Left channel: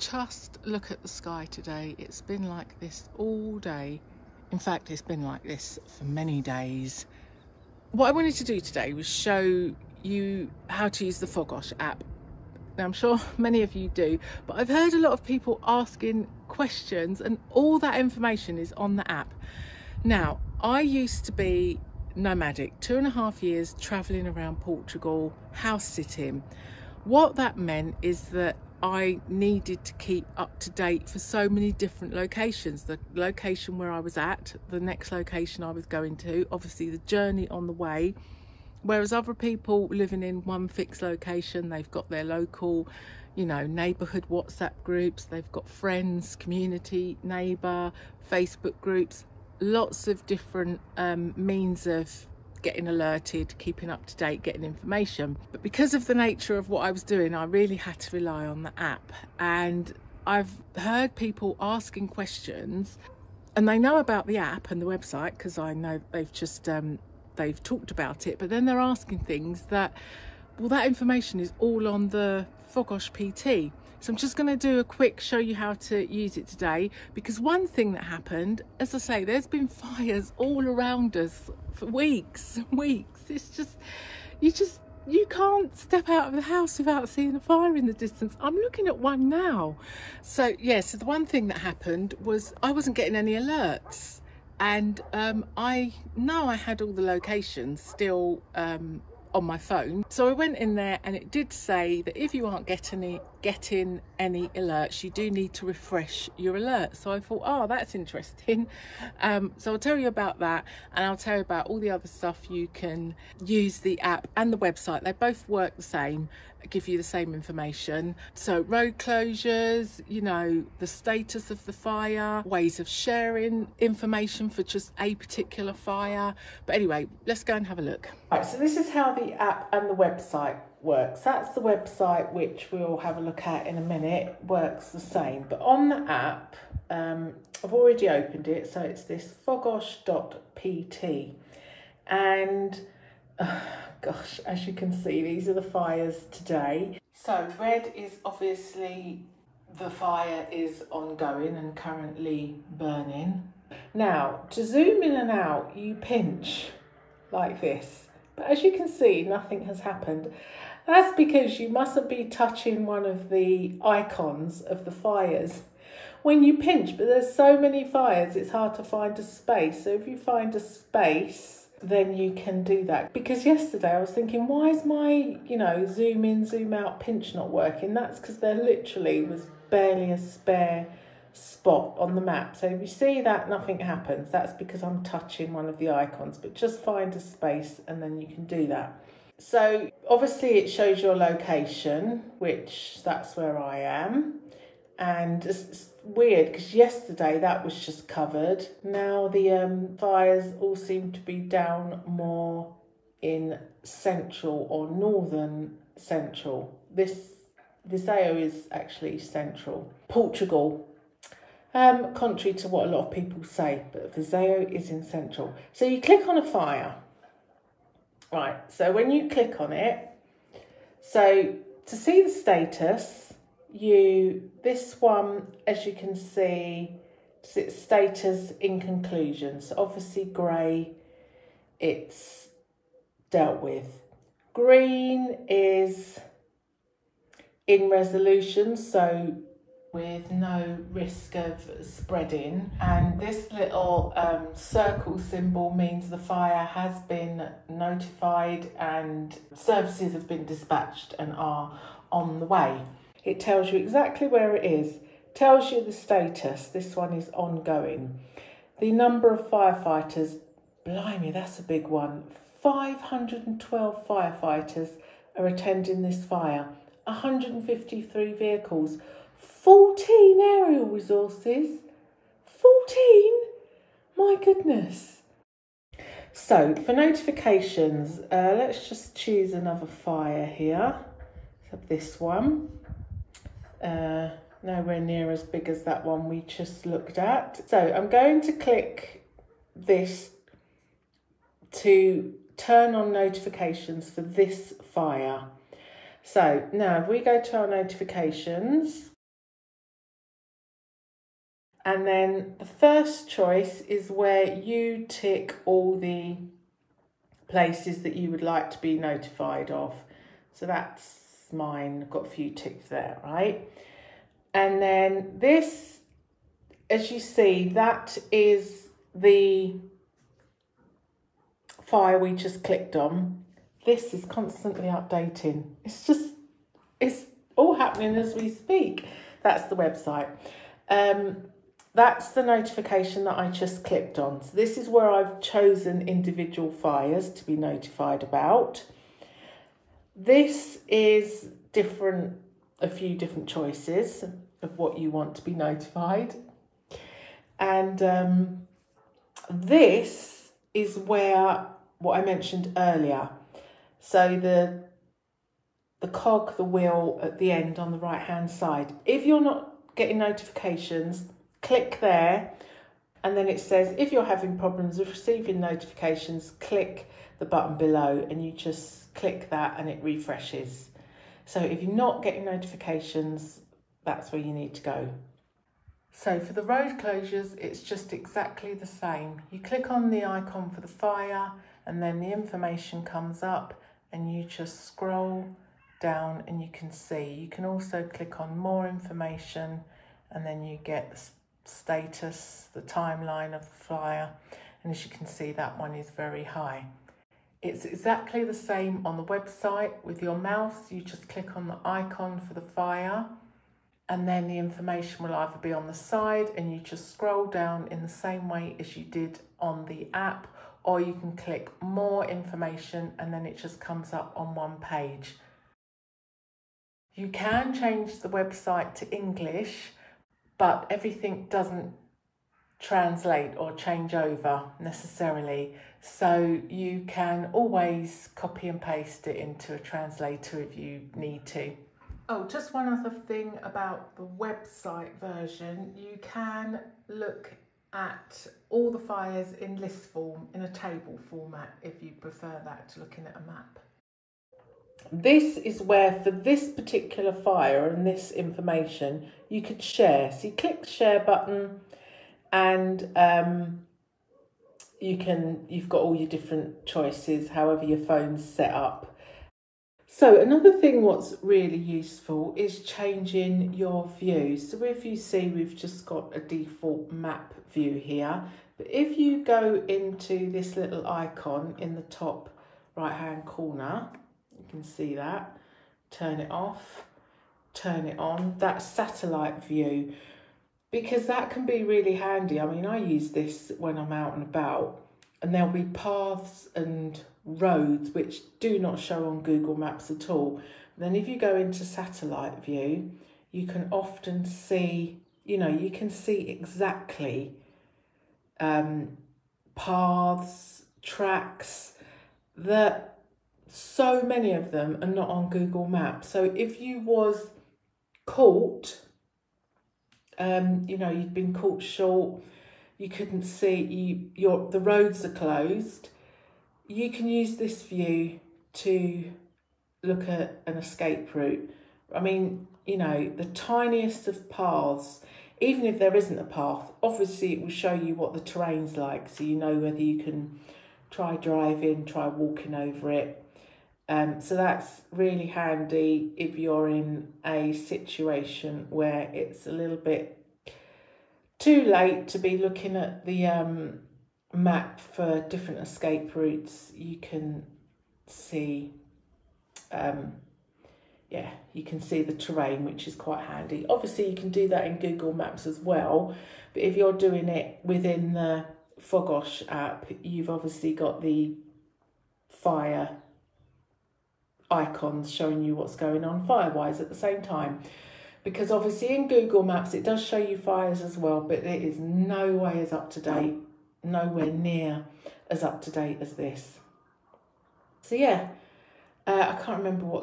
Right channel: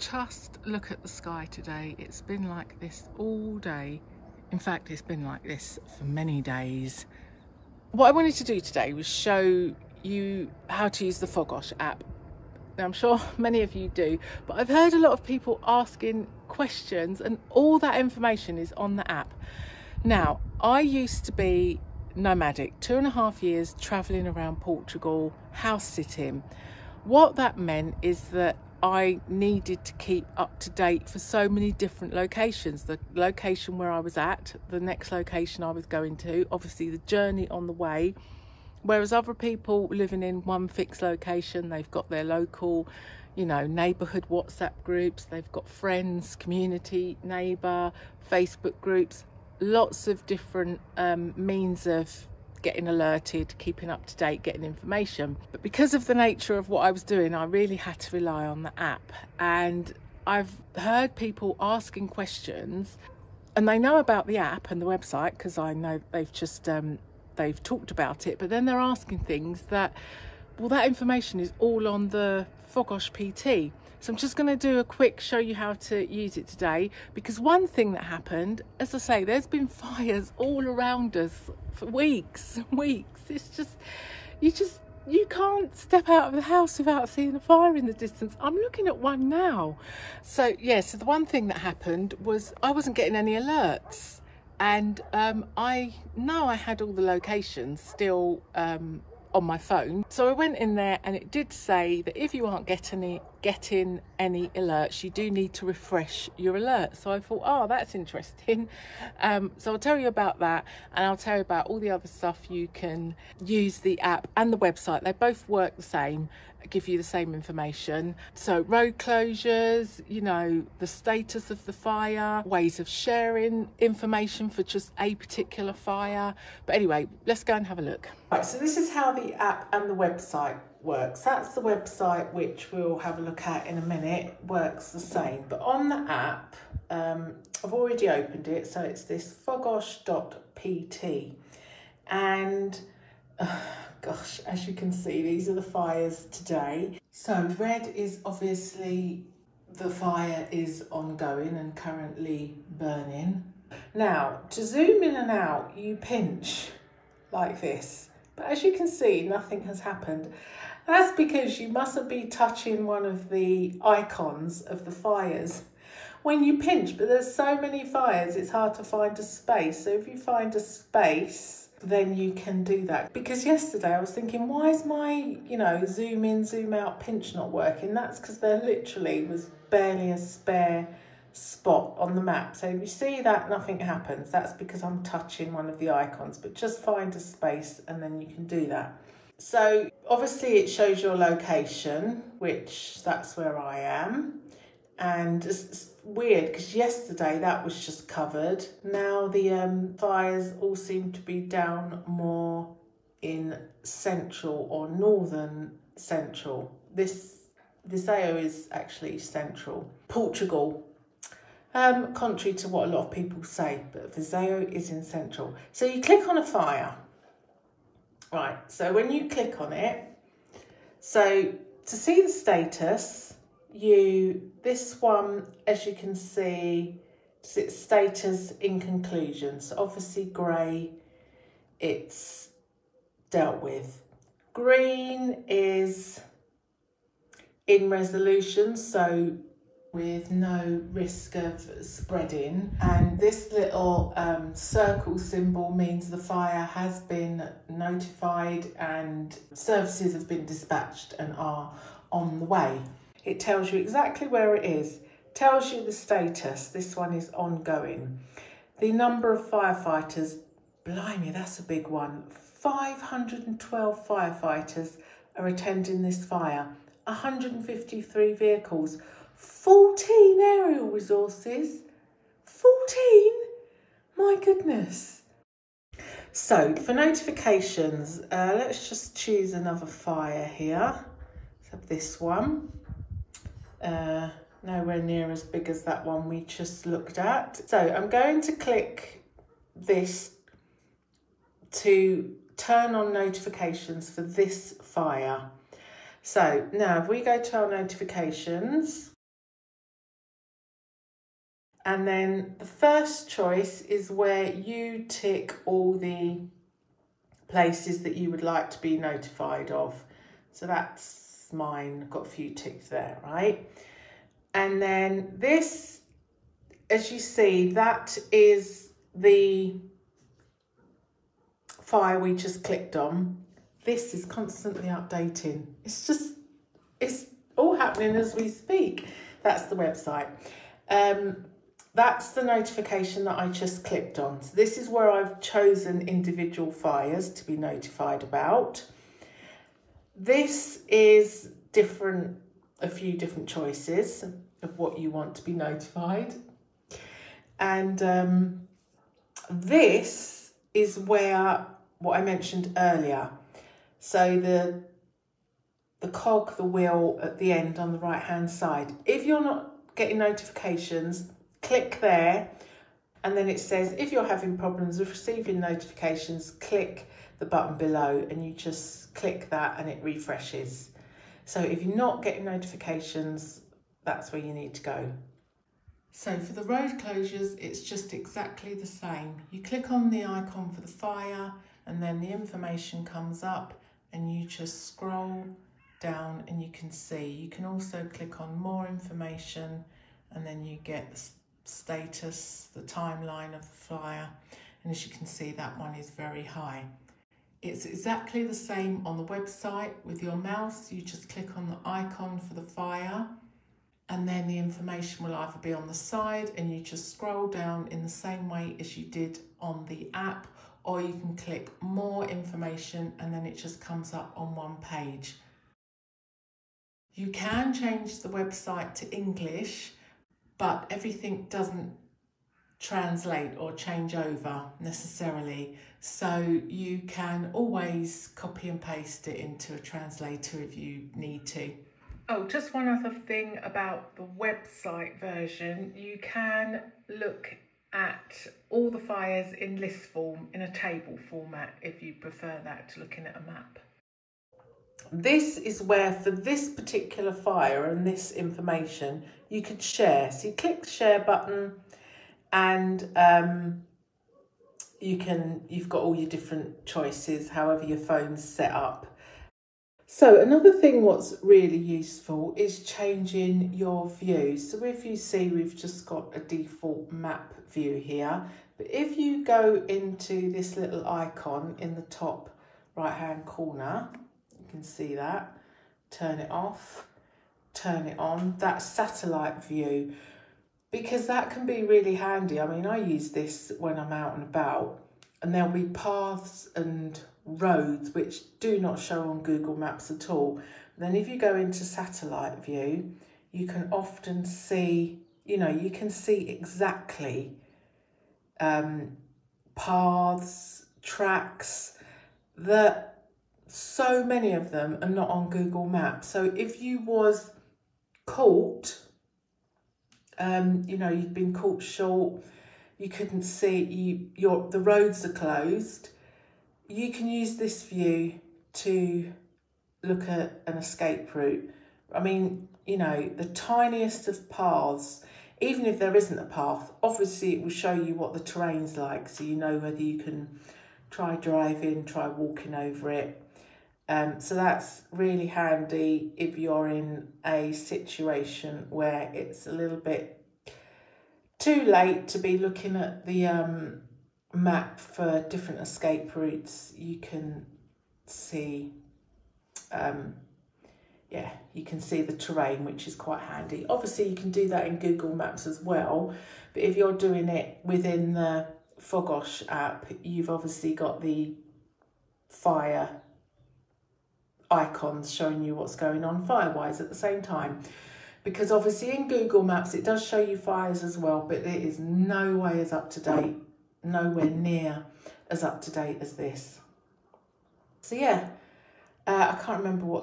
Just look at the sky today. It's been like this all day. In fact, it's been like this for many days. What I wanted to do today was show you how to use the Fogos app. Now, I'm sure many of you do, but I've heard a lot of people asking questions, and all that information is on the app. Now, I used to be nomadic, 2.5 years traveling around Portugal, house sitting. What that meant is that I needed to keep up to date for so many different locations. The location where I was at, the next location I was going to, obviously the journey on the way. Whereas other people living in one fixed location, they've got their local, you know, neighbourhood WhatsApp groups, they've got friends, community, neighbour, Facebook groups, lots of different means of getting alerted, keeping up to date, getting information. But because of the nature of what I was doing, I really had to rely on the app. And I've heard people asking questions, and they know about the app and the website because I know they've just they've talked about it, but then they're asking things that, well, that information is all on the Fogos.pt. So I'm just going to do a quick show you how to use it today, because one thing that happened, as I say, there's been fires all around us for weeks and weeks. It's just, you can't step out of the house without seeing a fire in the distance. I'm looking at one now. So yeah, so the one thing that happened was I wasn't getting any alerts, and I know I had all the locations still on my phone. So I went in there, and it did say that if you aren't getting any alerts, you do need to refresh your alerts. So I thought, oh, that's interesting. So I'll tell you about that, and I'll tell you about all the other stuff you can use the app and the website. They both work the same, give you the same information. So road closures, you know, the status of the fire, ways of sharing information for just a particular fire. But anyway, let's go and have a look. Right, so this is how the app and the website works. That's the website, which we'll have a look at in a minute, works the same. But on the app, I've already opened it, so it's this Fogos.pt. And gosh, as you can see, these are the fires today. So red is obviously the fire is ongoing and currently burning. Now, to zoom in and out, you pinch like this. But as you can see, nothing has happened. That's because you mustn't be touching one of the icons of the fires when you pinch. But there's so many fires, it's hard to find a space. So if you find a space, then you can do that. Because yesterday I was thinking, why is my, you know, zoom in, zoom out pinch not working? That's because there literally was barely a spare spot on the map. So if you see that nothing happens, that's because I'm touching one of the icons. But just find a space and then you can do that. So obviously it shows your location, which that's where I am. And it's weird because yesterday that was just covered. Now the fires all seem to be down more in central or northern central. This Viseu is actually central Portugal, contrary to what a lot of people say, but Viseu is in central. So you click on a fire. Right, so when you click on it, so to see the status, this one, as you can see, it's status in conclusion. So obviously grey, it's dealt with. Green is in resolution, so with no risk of spreading. And this little circle symbol means the fire has been notified and services have been dispatched and are on the way. It tells you exactly where it is, tells you the status. This one is ongoing. The number of firefighters, blimey, that's a big one. 512 firefighters are attending this fire, 153 vehicles, 14 aerial resources, 14? My goodness. So for notifications, let's just choose another fire here. So this one, nowhere near as big as that one we just looked at. So I'm going to click this to turn on notifications for this fire. So now if we go to our notifications, And then the first choice is where you tick all the places that you would like to be notified of. So that's mine, I've got a few ticks there, right? And then this, as you see, that is the file we just clicked on. This is constantly updating. It's all happening as we speak. That's the website. That's the notification that I just clicked on. So this is where I've chosen individual fires to be notified about. This is a few different choices of what you want to be notified. And this is where, what I mentioned earlier. So the cog, the wheel at the end on the right hand side. If you're not getting notifications, click there, and then it says if you're having problems with receiving notifications, click the button below, and you just click that and it refreshes. So if you're not getting notifications, that's where you need to go. So for the road closures, it's just exactly the same. You click on the icon for the fire, and then the information comes up, and you just scroll down and you can see. You can also click on more information, and then you get the status, the timeline of the flyer, and as you can see, that one is very high. It's exactly the same on the website. With your mouse, you just click on the icon for the fire, and then the information will either be on the side, and you just scroll down in the same way as you did on the app, or you can click more information, and then it just comes up on one page. You can change the website to English, but everything doesn't translate or change over necessarily. So you can always copy and paste it into a translator if you need to. Oh, just one other thing about the website version. You can look at all the fires in list form, in a table format, if you prefer that to looking at a map. This is where, for this particular fire and this information, you could share. So you click the share button, and you've got all your different choices, however your phone's set up. So another thing what's really useful is changing your view. So if you see, we've just got a default map view here, but if you go into this little icon in the top right hand corner, you can see that, turn it off, turn it on, that's satellite view, because that can be really handy. I mean, I use this when I'm out and about, and there'll be paths and roads which do not show on Google Maps at all. Then if you go into satellite view, you can often see, you can see exactly paths, tracks, that so many of them are not on Google Maps. So if you was caught, you'd been caught short, you couldn't see, the roads are closed, you can use this view to look at an escape route. I mean, the tiniest of paths, even if there isn't a path, obviously it will show you what the terrain's like, so you know whether you can try driving, try walking over it. So that's really handy if you're in a situation where it's a little bit too late to be looking at the map for different escape routes. You can see, you can see the terrain, which is quite handy. Obviously you can do that in Google Maps as well, but if you're doing it within the Fogos app, you've obviously got the fire icons showing you what's going on fire-wise at the same time. Because obviously in Google Maps it does show you fires as well, but it is no way as up to date, nowhere near as up to date as this. So yeah, I can't remember what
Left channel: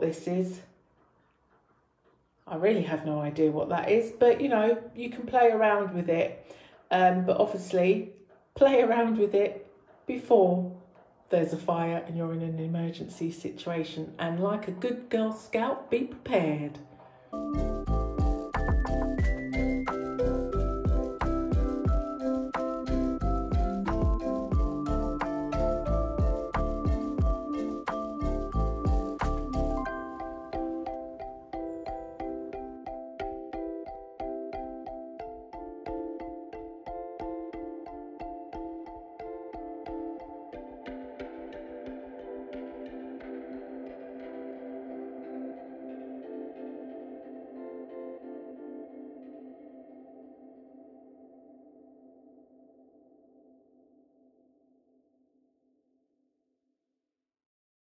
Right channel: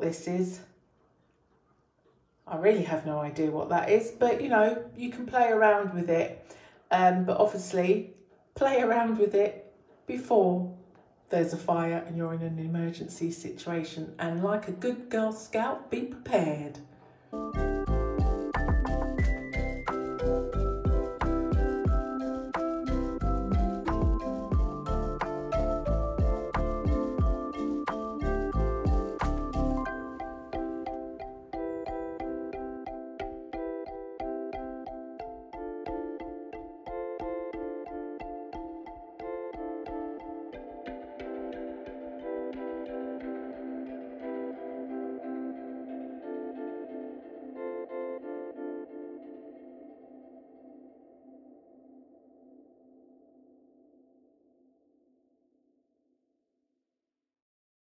this is. I really have no idea what that is, but you can play around with it, but obviously play around with it before there's a fire and you're in an emergency situation, and like a good Girl Scout, be prepared.